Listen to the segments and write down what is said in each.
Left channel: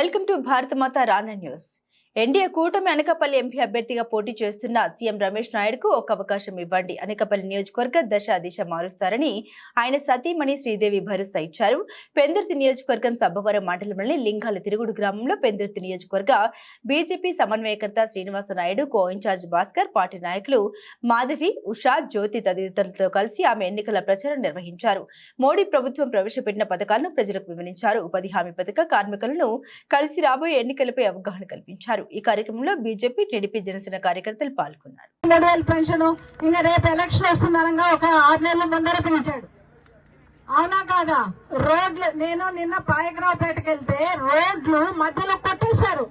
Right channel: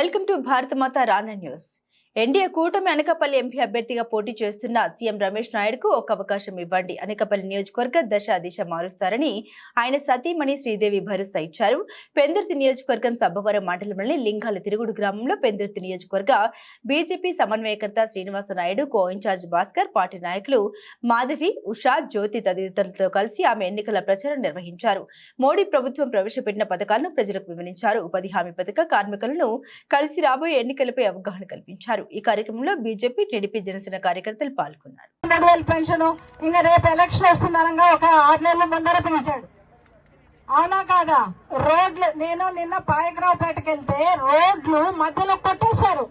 Welcome to భారత మాత రానా news NDA కూటమి Anakapalli MP అభ్యర్థిగా పోటీ చేస్తున్న సీఎం రమేష్ నాయుడుకు ఒక అవకాశం ఇవ్వండి. అనకాపల్లి నియోజకవర్గ దశ దిశ మారుస్తారని ఆయన సతీమణి శ్రీదేవి భరోసా ఇచ్చారు. పెందుర్తి నియోజకవర్గం సబ్బవరం మండలంలోని లింగాల తిరుగుడు గ్రామంలో పెందుర్తి నియోజకవర్గ బీజేపీ సమన్వయకర్త Srinivasa Naidu co in charge Bhaskar party నాయకులు మాధవి ఉషా జ్యోతి తదితరులతో కలిసి ఆమె ఎన్నికల ప్రచారం నిర్వహించారు. మోడీ ప్రభుత్వం ప్రవేశపెట్టిన పథకాలను ప్రజలకు వివరించారు. ఉపాధి హామీ పథక కార్మికులను కలిసి రాబోయే ఎన్నికలపై అవగాహన కల్పించారు. ఈ కార్యక్రమంలో బీజేపీ టీడీపీ జనసేన కార్యకర్తలు పాల్గొన్నారు. పెన్షన్ రేపు ఎలక్షన్ ఒక ముందర అవునా కాదా? రోడ్లు నేను నిన్న పాయగ్రావుపేటకి వెళ్తే రోడ్లు మధ్యలో కొట్టేశారు.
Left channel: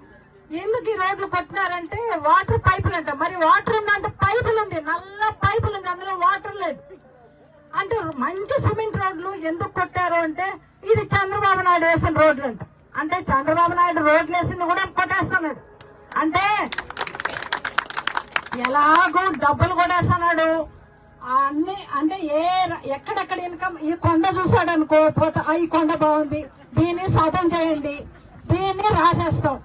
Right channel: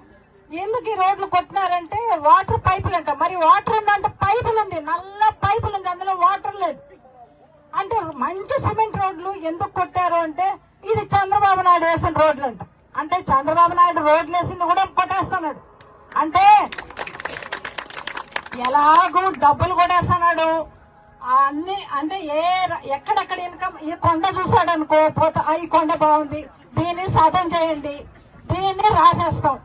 ఎందుకు ఈ రోడ్లు కొట్టినారంటే వాటర్ పైపులు అంట మరి వాటర్ ఉందంటే పైపులు ఉంది నల్ల పైపులు ఉంది అందులో వాటర్ లేదు. అంటే మంచి సిమెంట్ రోడ్లు ఎందుకు కొట్టారు అంటే ఇది చంద్రబాబు నాయుడు వేసిన రోడ్లు అంట అంటే చంద్రబాబు నాయుడు రోడ్లు వేసింది కూడా కొట్టేస్తున్నాడు అంటే ఎలాగో డబ్బులు కొనేస్తున్నాడు. అన్ని అంటే ఏ ఎక్కడెక్కడ ఇన్కమ్ ఈ కొండ చూసాడు అనుకో ఈ కొండ బాగుంది దీన్ని సాధన చేయండి దీన్ని రాసేస్తాం.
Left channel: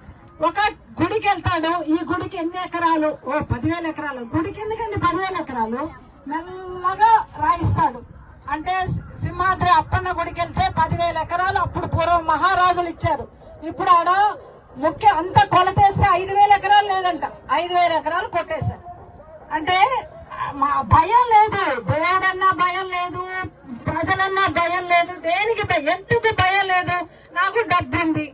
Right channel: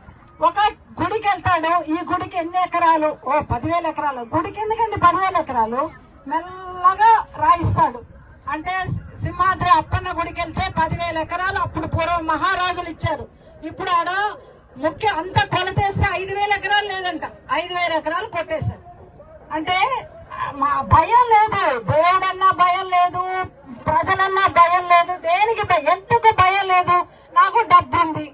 ఒక గుడికి వెళ్తాడు ఈ గుడికి ఎన్ని ఎకరాలు? ఓ పదివేల ఎకరాలు. గుడికి ఎందుకండి పదివేల ఎకరాలు? మెల్లగా రాయిస్తాడు. అంటే సింహాద్రి అప్పన్న గుడికి వెళ్తే పదివేల ఎకరాలు అప్పుడు పూర్వం మహారాజులు ఇచ్చారు. ఇప్పుడు ఆడ ముఖ్య అంతా కొలతేస్తే ఐదు వేల ఎకరాలు లేదంట. ఐదు వేల ఎకరాలు కొట్టేశారు. అంటే మా భయం లేదు. దేవుడన్నా భయం లేదు. ప్రజలన్నా భయం లేదు. దేనికి భయం? ఎందుకు భయం లేదు? నాకు డబ్బు ఉంది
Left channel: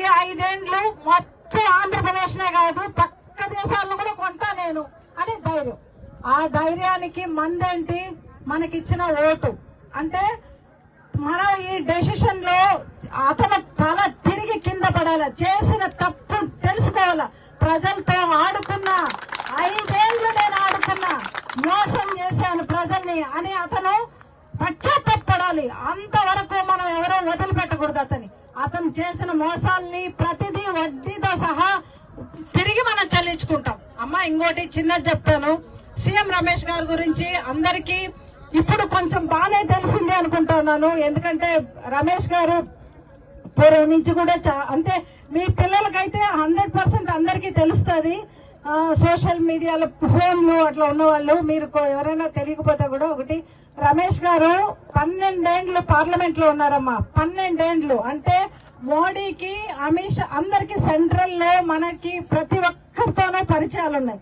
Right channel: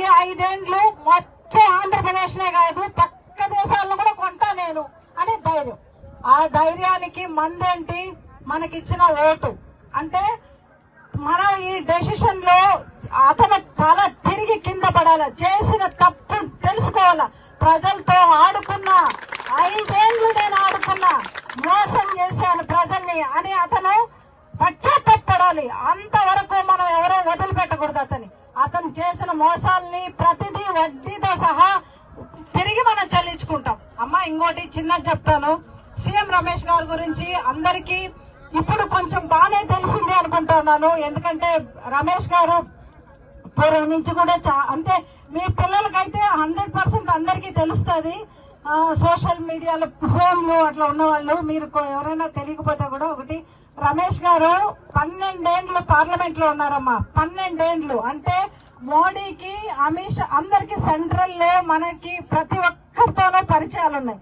ఈ ఐదేండ్లు మొత్తం ఆంధ్రప్రదేశ్ నే కాదు పక్క దేశాల్లో కూడా కొంటా నేను. అని ధైర్యం. ఆ ధైర్యానికి మందేంటి? మనకిచ్చిన ఓటు. అంటే మన ఈ డెసిషన్లో అతను తన తిరిగి చేసిన తప్పు తెలుసుకోవాలి? ప్రజలతో ఆడుకున్నా ఐదేళ్ళు నేను ఆడుకున్నా మోసం చేశాను ప్రజల్ని అని అతను పశ్చాత్తపడాలి. అంతవరకు మనం ఎవరో వదిలిపెట్టకూడదు అతని అతను చేసిన మోసాల్ని ప్రతిదీ వడ్డీతో సహా తిరిగి మనం చెల్లించుకుంటాం. అమ్మా ఇంకోటి చిన్న చెప్తాను. సీఎం రమేష్ గారి గురించి అందరికీ ఇప్పుడు కొంచెం బాగానే తెలిసిందే అనుకుంటున్నాను ఎందుకంటే రమేష్ గారు నుంచి కూడా చా- అంటే మీ పిల్లలకైతే హండ్రెడ్ పర్సెంట్ అందరికీ తెలుస్తుంది. సోషల్ మీడియాలో ఫోన్లో అట్లా ఉన్న వాళ్ళు మీరు ఎవరైనా తెలియకపోతే కూడా ఒకటి రమేష్ గారు పన్నెండేండ్లు పార్లమెంట్లో ఉన్నారమ్మా. పన్నెండేండ్లు. అంటే మోడీకి అమిత్ షా అందరికి సెంట్రల్లో మనకి ప్రతి ఒక్కరితోనే పరిచయాలు ఉన్నాయి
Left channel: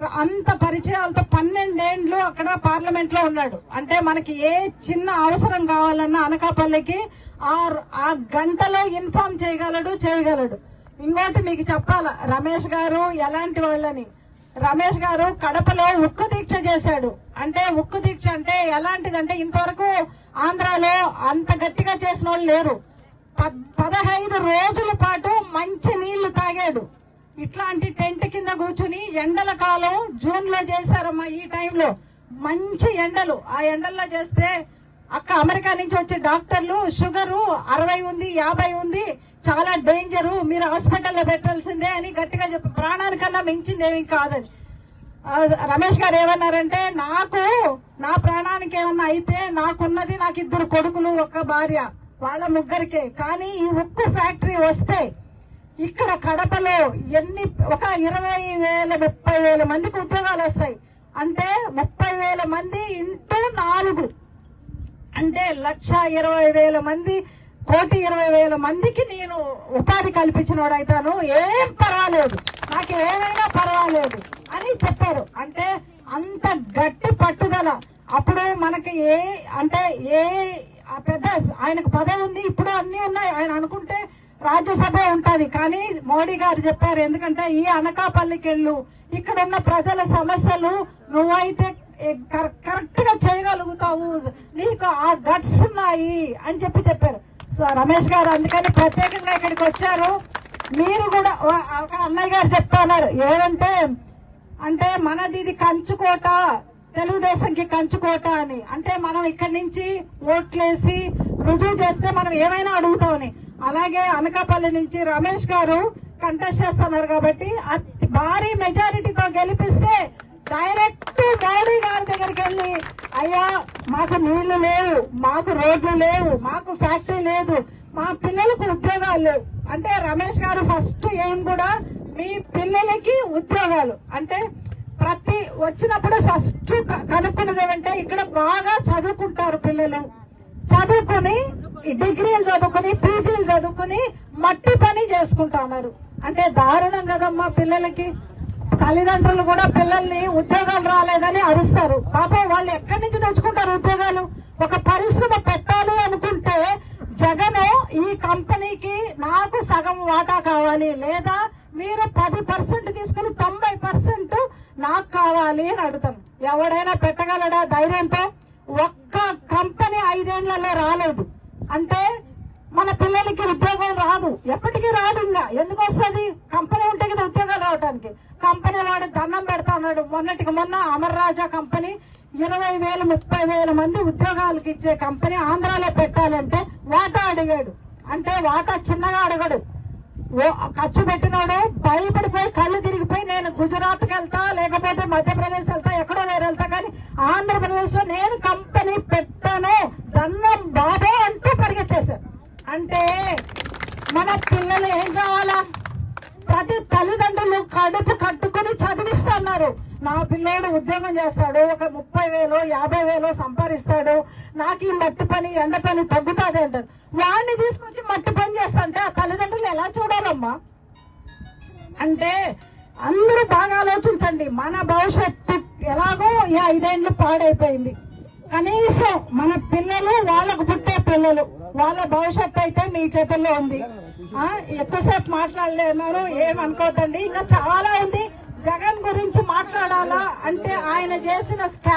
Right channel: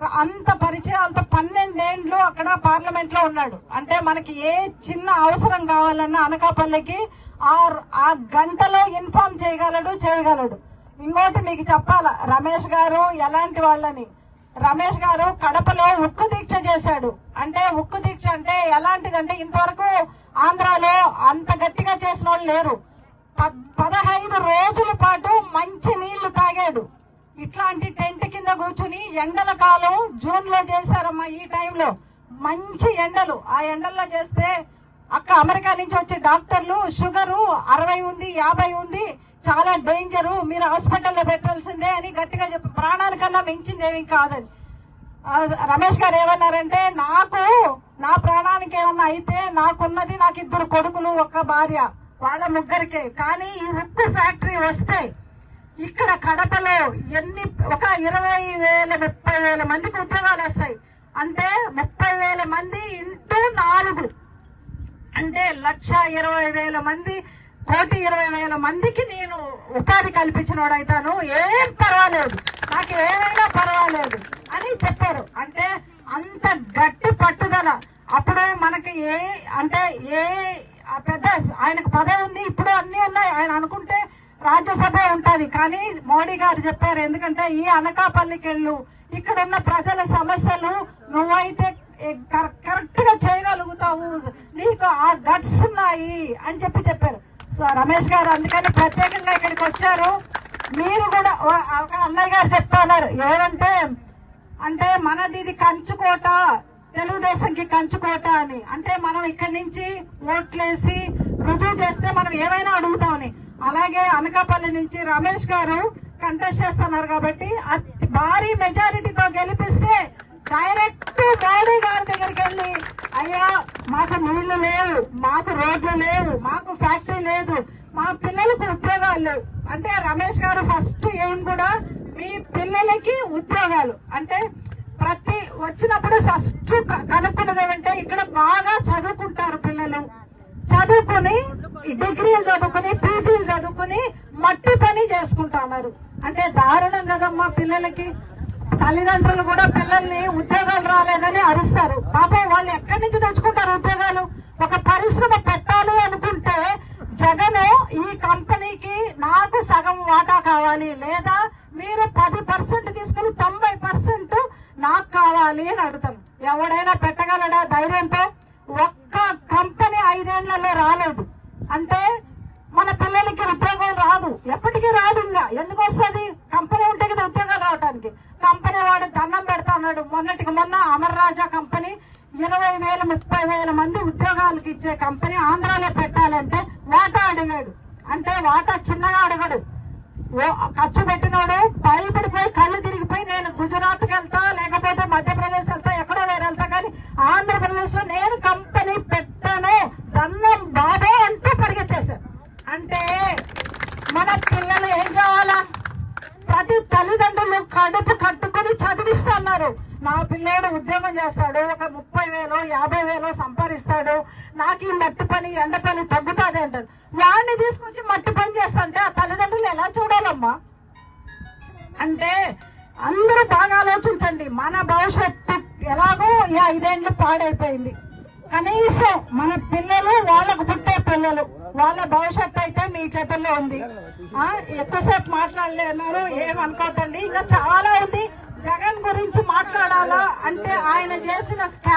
అంత పరిచయం అంత పన్నెండేండ్లు అక్కడ పార్లమెంట్లో ఉన్నాడు. అంటే మనకి ఏ చిన్న అవసరం కావాలన్నా అనకాపల్లికి ఆ ఆ గంటలో ఇన్ఫార్మ్ చేయగలడు చేయగలడు. ఇంకోటి మీకు చెప్పాల రమేష్ గారు ఎలాంటి వాళ్ళని? రమేష్ గారు కడపలో ఉక్కు దీక్ష చేశాడు. అంటే ఉక్కు దీక్ష అంటే ఎలాంటిదంటే ఇంతవరకు ఆంధ్రాలో అంత గట్టిగా చేసిన వాళ్ళు లేరు. పదహైదు రోజుల పాటు ఇట్లాంటి టెంట్ కింద కూర్చుని ఎండల కాలం జూన్లో చేశారమ్మా ఈ టైంలో. మంచి ఎండలు. ఆ ఎండల్లో చేస్తే అక్క అమెరికా నుంచి వచ్చే డాక్టర్లు షుగరు అరవై ఉంది యాభై ఉంది. చాలా డేంజర్. మీరు హాస్పిటల్లో పెట్టాల్సిందే అని గట్టిగా చెప్పి ప్రాణానికన్నా మించింది ఏమి కాదని. రమేష్ గారు ఏమన్నారంటే నాకు నా ప్రాణానికి ఏమన్నా అయితే నాకున్నది నాకు ఇద్దరు కొడుకులు ఒక భార్య వాళ్ళ ముగ్గురికే. కానీ ఈ ఉక్కు ఫ్యాక్టరీ వస్తే ఇక్కడ కడపలో ఎన్ని ఒక ఇరవై వేల ముప్పై వేల మందికి ఉద్యోగాలు వస్తాయి. అంటే ముప్పై వేల మంది ఇంటూ నాలుగు. అంటే లక్ష ఇరవై వేల మంది కోటి ఇరవై వేల మందికి నేను ఉపాధి కల్పించినోడైతాను. ఏం పర్వాలేదు. నాకు ఏమైనా పర్వాలేదు అని చెప్పారు. అంటే అంత గట్టి పట్టుదల. అప్పుడు మనకి ఏ అంటే ఏ ఆ పెద్ద ఆయనకు పదవి ఉంది ఇప్పుడు అన్ని ఉన్నాయి. ఆయన అనుకుంటే రాజ్యసభ ఉంటది. కానీ మోడీ గారు చెప్పారు ఎందుకంటే ఈ అనకాపల్లికి వెళ్ళు ఇక్కడ ఉన్న ప్రజల సమస్యలు నువ్వైతే కరెక్ట్గా చేయగలుగుతావు. నీకు ఆ గట్స్ ఉన్నాయి అని చెప్పి చెప్పారు. సో రమేష్ గారు అందుకని ప్రత్యేకంగా ఇక్కడికి వచ్చారు. మీరు కూడా ఒక అన్నయ్య గారు చెప్తున్నారు ఏమంటే అంటే మనది ఇది కంచుకోట తెలుగుదేశంకి కంచుకోట అని. అంటే మనం ఇక్కడి నుంచి ఓట్లేసి రుజువు చేస్తే మనం ఏమైనా అడుగుతామని. అలాగే అనకాపల్లి నుంచి రమేష్ గారు కంటెస్ట్ చేస్తున్నారు కాబట్టి అతి భారీ మెజారిటీతో గెలిపిస్తే డైరెక్ట్ గాంధీ గారి దగ్గరికి వెళ్ళి అయ్యా మాకు నీళ్ళు లేవు మాకు రోడ్లు లేవు మాకు ఫ్యాక్టరీ లేదు మా పిల్లలకు ఉద్యోగాలు లేవు. అంటే రమేష్ గారు ఫస్ట్ ఏం కూడా మీ పిల్లలకి ఉద్యోగాలు. అంటే ప్రతి వచ్చినప్పుడు ఫస్ట్ కనుక్కున్నది ఏమంటే ఇక్కడ బాగా చదువుకుంటారు పిల్లలు. చదువుకుని డిగ్రీలు చదువుకుని పీజీలు చదువుకుని మట్టి పని చేసుకుంటా ఉన్నారు అంటే దారుణం కదమ్మా పిల్లలకి. తల్లిదండ్రులు కూడా పిల్లల్ని ఉద్యోగాలు రాలేదని అరుస్తారు. పాపం వాళ్ళు ఎక్కడి నుంచి తెచ్చుకుంటారు ఉద్యోగాలు? ఒక పరిశ్రమ పెట్టాలి అనుకుంటే జగన్ ఈ కంపెనీకి నాకు సగం వాటా కావాలి లేదా మీరు పది పర్సెంట్ తీసుకుని తొంభై పర్సెంట్ నాకు కావాలి అని అడుగుతాం. ఎవడైనా పెట్టగలడా? ధైర్యంతో ఒక్క కంపెనీ ఐదేళ్ళలో రాలేదు అంటే మన పిల్లలకి ఉద్యోగం రాదు ఎప్పటికీ రాదు ఇంకా ఎందుకు వస్తుంది కంపెనీ ఉంటే కదా ఉద్యోగం రావడానికి కంపెనీ వాడు దండం పెడతా ఉన్నాడు మొన్నటికి మొన్న అమర్ రాజా కంపెనీ ఇరవై వేలు ముప్పై వేల మంది ఉద్యోగాలకు ఇచ్చే కంపెనీ ఆంధ్రాలో పెట్టాలంటే వాటా అడిగాడు. అంటే వాటా చిన్నగా అడగడు. ఖర్చు పెట్టినాడు భయపడిపోయి కళ్ళు తిరిగిపోయి నేను గుజరాత్కి వెళ్తా లేకపోతే మధ్యప్రదేశ్ వెళ్తా ఎక్కడో వేరే వెళ్తా కానీ ఆంధ్రప్రదేశ్లో నేను కంపెనీ పెట్టానే దన్నం బాబే అంటూ పరిగెత్తేశారు. అంటే మన పిల్లలు ఏం కావాలా? ప్రతి తల్లిదండ్రులు కడుపు నా పిల్లోడు ఉద్యోగం చేస్తాడు ఒక ముప్పై వేలు యాభై వేలు సంపాదిస్తాడు. నాకు ఈ మట్టి పని ఎండ పని తగ్గుతుంది అంటారు. వాడిని తీసుకొచ్చి మట్టి పని చేస్తుంటే ఆ తల్లిదండ్రులు ఎలా చూడాలమ్మా? అంటే అందరూ బాగా ఆలోచించండి. మన భవిష్యత్తు ఎలాగో ఈ ఐదేళ్ళు పాడైపోయింది. కనీసం మన పిల్లలు వాళ్ళకు పుట్టే పిల్లలు వాళ్ళ భవిష్యత్తు అయితే మీ చేతుల్లో ఉంది. ఆ, ఎక్కువసేపు మాట్లాడలేను ఏమనుకోదండి ఇంకా చాలా ఉంది. జగన్ గురించి మాట్లాడాలా? అంటే ఆయన చేసిన స్కా